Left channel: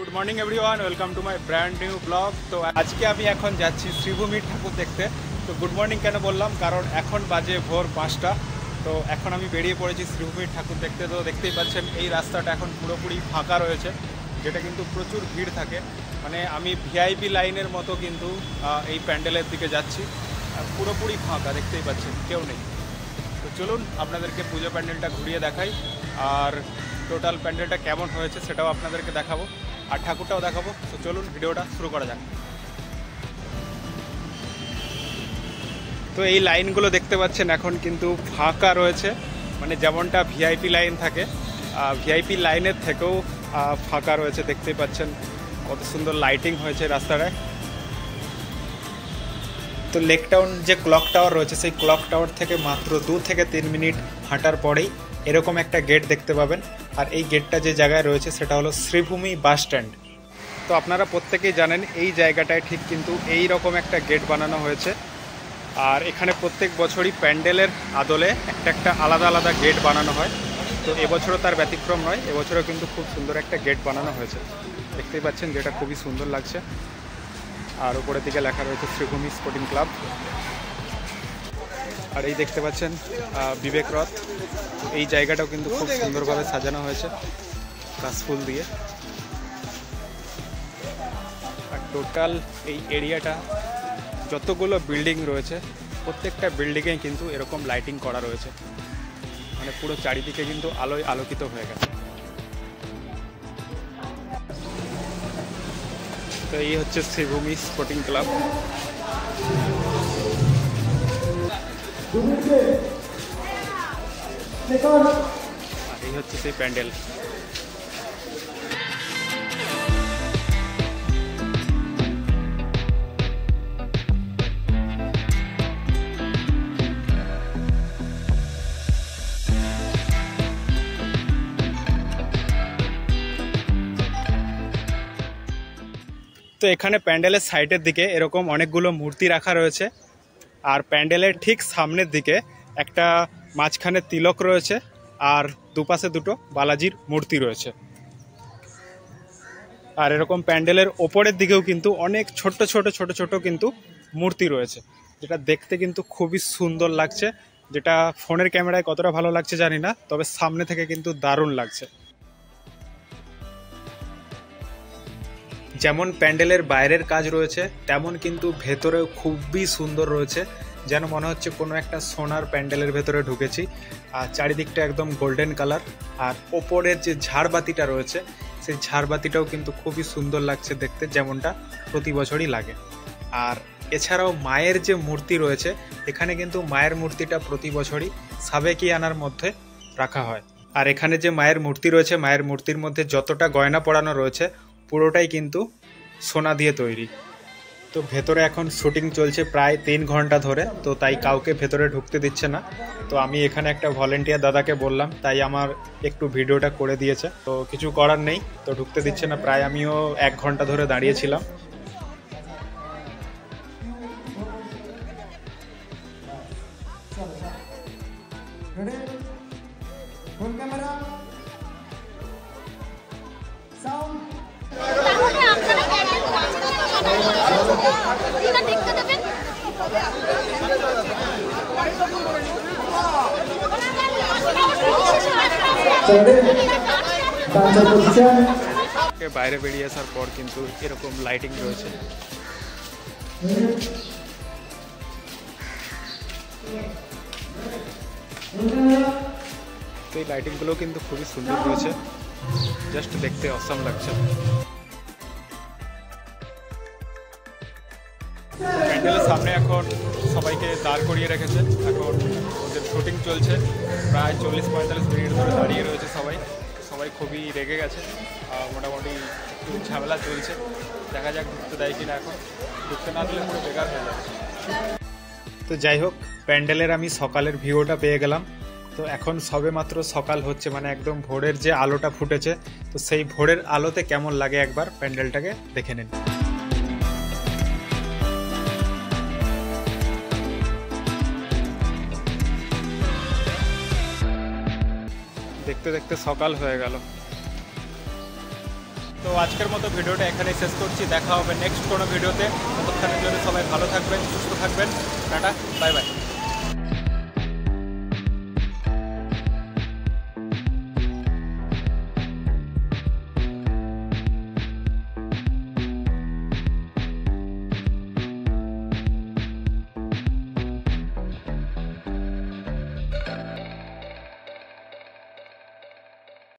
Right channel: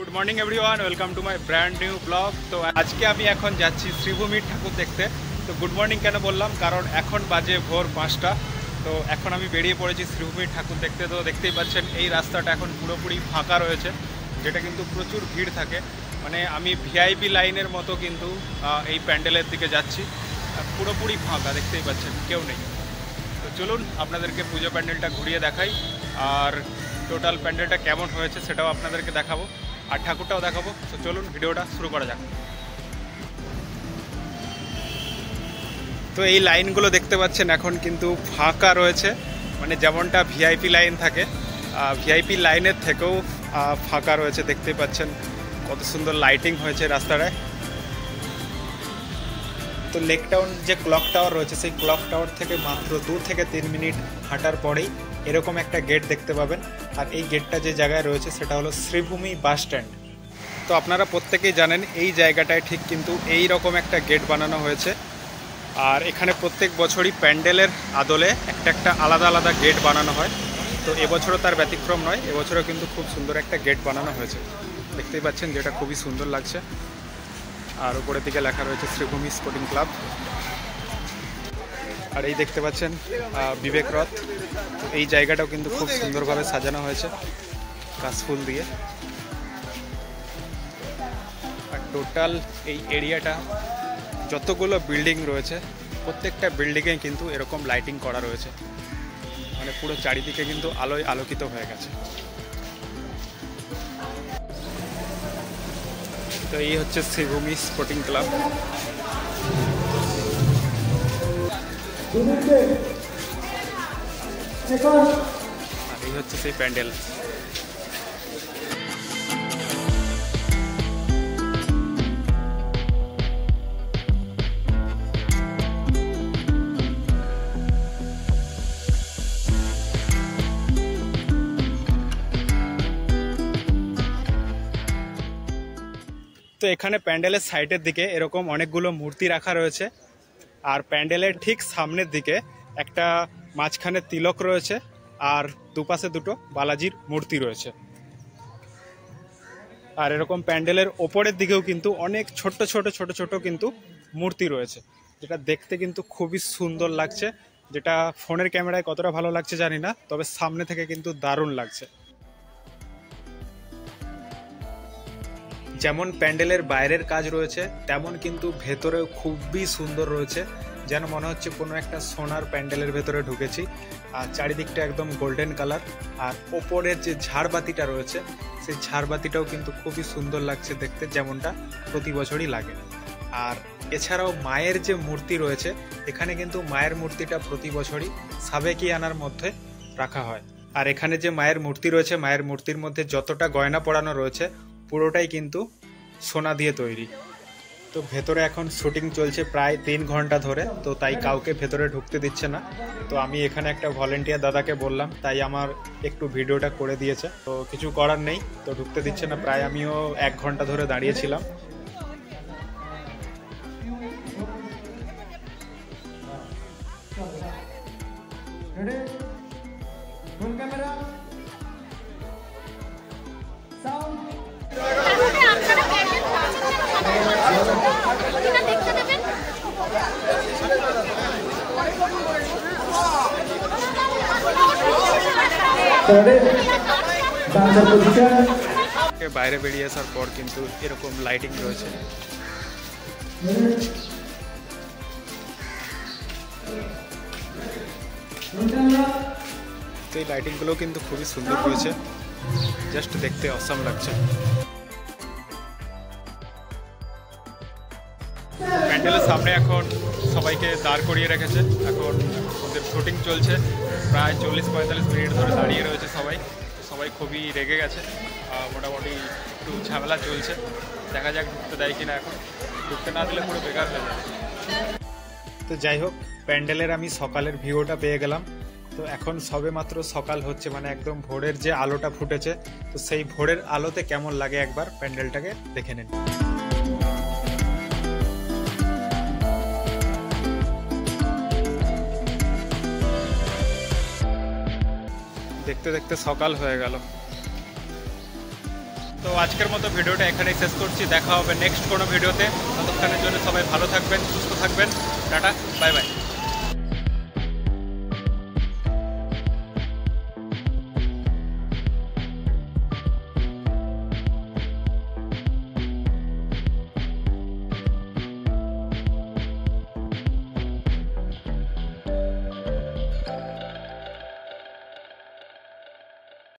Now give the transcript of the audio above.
Good morning everyone, welcome to my brand new blog. তো আজকে আমি এখন যাচ্ছি শ্রীভূমির ঠাকুর দেখতে। তো গুড মর্নিং কেন বললাম, কারণ এখন বাজে ভোর 5টা। তো এখন আমি বেরিয়ে পড়েছি শ্রীভূমির ঠাকুর দেখতে। তো দেখতেই পাচ্ছেন এই রাস্তাটা এখন পুরোপুরি ফাঁকা রয়েছে, যেটা কিন্তু প্রচুর ভিড় থাকে। মানে আমি ভিআইপি লাইনের মতো কিন্তু এই প্যান্ডেলের দিকে যাচ্ছি, পুরোপুরি ফাঁকা, দেখতেই পাচ্ছেন কেউ নেই। তো চলুন আপনাদেরকে পুজো প্যান্ডেলটা ঘুরিয়ে দেখাই, আর টোটাল প্যান্ডেলটা কেমন হয়েছে সেটাও আপনাদেরকে দেখাবো, আর ঠাকুরটাও দেখাবো। তো চলুন ভিডিওটা শুরু করা যাক। তো এই লাইনগুলো দেখতে পাচ্ছেন এখন কিন্তু ফাঁকা রয়েছে, মানে যেমনটা ভিআইপি লাইন থাকে, ভিআইপি লাইনের থেকেও ফাঁকা রয়েছে। দেখতেই পাচ্ছেন কত সুন্দর লাইটিং হয়েছে রাস্তাটায়। তো লেক টাউন যে ক্লক টাওয়ার রয়েছে, সেই ক্লক টাওয়ার থেকে মাত্র 2 থেকে 3 মিনিট হাঁটার পরেই এরকম একটা গেট দেখতে পাবেন। আর এই গেটটা যে জায়গায় রয়েছে সেটা হলো শ্রীভূমি বাস স্ট্যান্ড। তো আপনারা প্রত্যেকেই জানেন এই জায়গাটায় ঠিক কিন্তু এই রকম একটা গেট বানানো হয়েছে। আর এখানে প্রত্যেক বছরই প্যান্ডেলের আদলে একটা আলাদা আলাদা গেট বানানো হয়। তো এবছরও তার ব্যতিক্রম নয়, এবছরও কিন্তু খুব সুন্দর একটা গেট বানানো হয়েছে, দেখতেই পাচ্ছেন, যেটা খুবই সুন্দর লাগছে। আর উপরের দিকে লেখা রয়েছে শ্রীভূমি স্পোর্টিং ক্লাব। আর এই দেখতে পাচ্ছেন বিবেক রথ। তো এই জায়গাটাও কিন্তু খুব সুন্দরভাবে সাজানো হয়েছে কাশফুল দিয়ে। আর টোটাল এই এরিয়াটা যতগুলো বিল্ডিং রয়েছে, প্রত্যেকটা বিল্ডিংয়ে কিন্তু এরকম লাইটিং করা রয়েছে, মানে পুরো চারিদিকে কিন্তু আলোয় আলোকিত হয়ে গেছে। তো এই হচ্ছে শ্রীভূমি স্পোর্টিং ক্লাব। আর এই হচ্ছে সেই প্যান্ডেল। তো এখানে প্যান্ডেলের সাইডের দিকে এরকম অনেকগুলো মূর্তি রাখা রয়েছে। আর প্যান্ডেলের ঠিক সামনের দিকে একটা মাঝখানে তিলক রয়েছে, আর দুপাশে দুটো বালাজির মূর্তি রয়েছে। আর এরকম প্যান্ডেলের ওপরের দিকেও কিন্তু অনেক ছোট ছোট ছোট ছোট কিন্তু মূর্তি রয়েছে, যেটা দেখতে কিন্তু খুবই সুন্দর লাগছে। যেটা ফোনের ক্যামেরায় কতটা ভালো লাগছে জানি না, তবে সামনে থেকে কিন্তু দারুণ লাগছে। যেমন প্যান্ডেলের বাইরের কাজ রয়েছে, তেমন কিন্তু ভেতরেও খুবই সুন্দর রয়েছে, যেন মনে হচ্ছে কোনো একটা সোনার প্যান্ডেলের ভেতরে ঢুকেছি। আর চারিদিকটা একদম গোল্ডেন কালার। আর ওপরের যে ঝাড়বাতিটা রয়েছে, সেই ঝাড়বাতিটাও কিন্তু খুবই সুন্দর লাগছে দেখতে, যেমনটা প্রতি বছরই লাগে। আর এছাড়াও মায়ের যে মূর্তি রয়েছে, এখানে কিন্তু মায়ের মূর্তিটা প্রতি বছরই সাবেকিয়ানার মধ্যে রাখা হয়। আর এখানে যে মায়ের মূর্তি রয়েছে, মায়ের মূর্তির মধ্যে যতটা গয়না পরানো রয়েছে পুরোটাই কিন্তু সোনা দিয়ে তৈরি। তো ভেতরে এখন শুটিং চলছে প্রায় 3 ঘন্টা ধরে, তো তাই কাউকে ভেতরে ঢুকতে দিচ্ছে না। তো আমি এখানে একটা ভলেন্টিয়ার দাদাকে বললাম, তাই আমার একটু ভিডিওটা করে দিয়েছে। তো কিছু করার নেই, তো ঢুকতে দিচ্ছে না। প্রায় আমিও 1 ঘন্টা ধরে দাঁড়িয়েছিলাম। বাইরে বেরিয়ে আসার পর কিন্তু এরকম লাইটিং রয়েছে। তো এই লাইটিংগুলো কিন্তু খুবই সুন্দর রয়েছে, জাস্ট দেখতে অসাম লাগছে। প্যান্ডেলের সামনে এখন সবাইকে দাঁড় করিয়ে রেখেছে, এখন ওদের শুটিং চলছে। প্রায় 40-45 মিনিট ধরে দাঁড়িয়ে রয়েছে সবাই। সবাই খুবই রেগে গেছে, মোটামুটি একটু ঝামেলা চলছে। দেখা যাক ঢুকতে দেয় কিনা। এখন ঢুকতে না দিলে পুরো বেকার হয়ে যাবে। তো যাই হোক, প্যান্ডেলের আমি সকালের ভিউটা পেয়ে গেলাম। তো এখন সবে মাত্র সকাল হচ্ছে, মানে একদম ভোরের যে আলোটা ফুটেছে, তো সেই ভোরের আলোতে কেমন লাগে একবার প্যান্ডেলটাকে দেখে নিন। দেখতে দেখতে সকাল হয়ে গেল। তো আজকের মতো ভিডিওটা এখানেই শেষ করছি, দেখা হবে নেক্সট কোনো ভিডিওতে। ততক্ষণের জন্য সবাই ভালো থাকবেন, সুস্থ থাকবেন, টাটা, বাই বাই।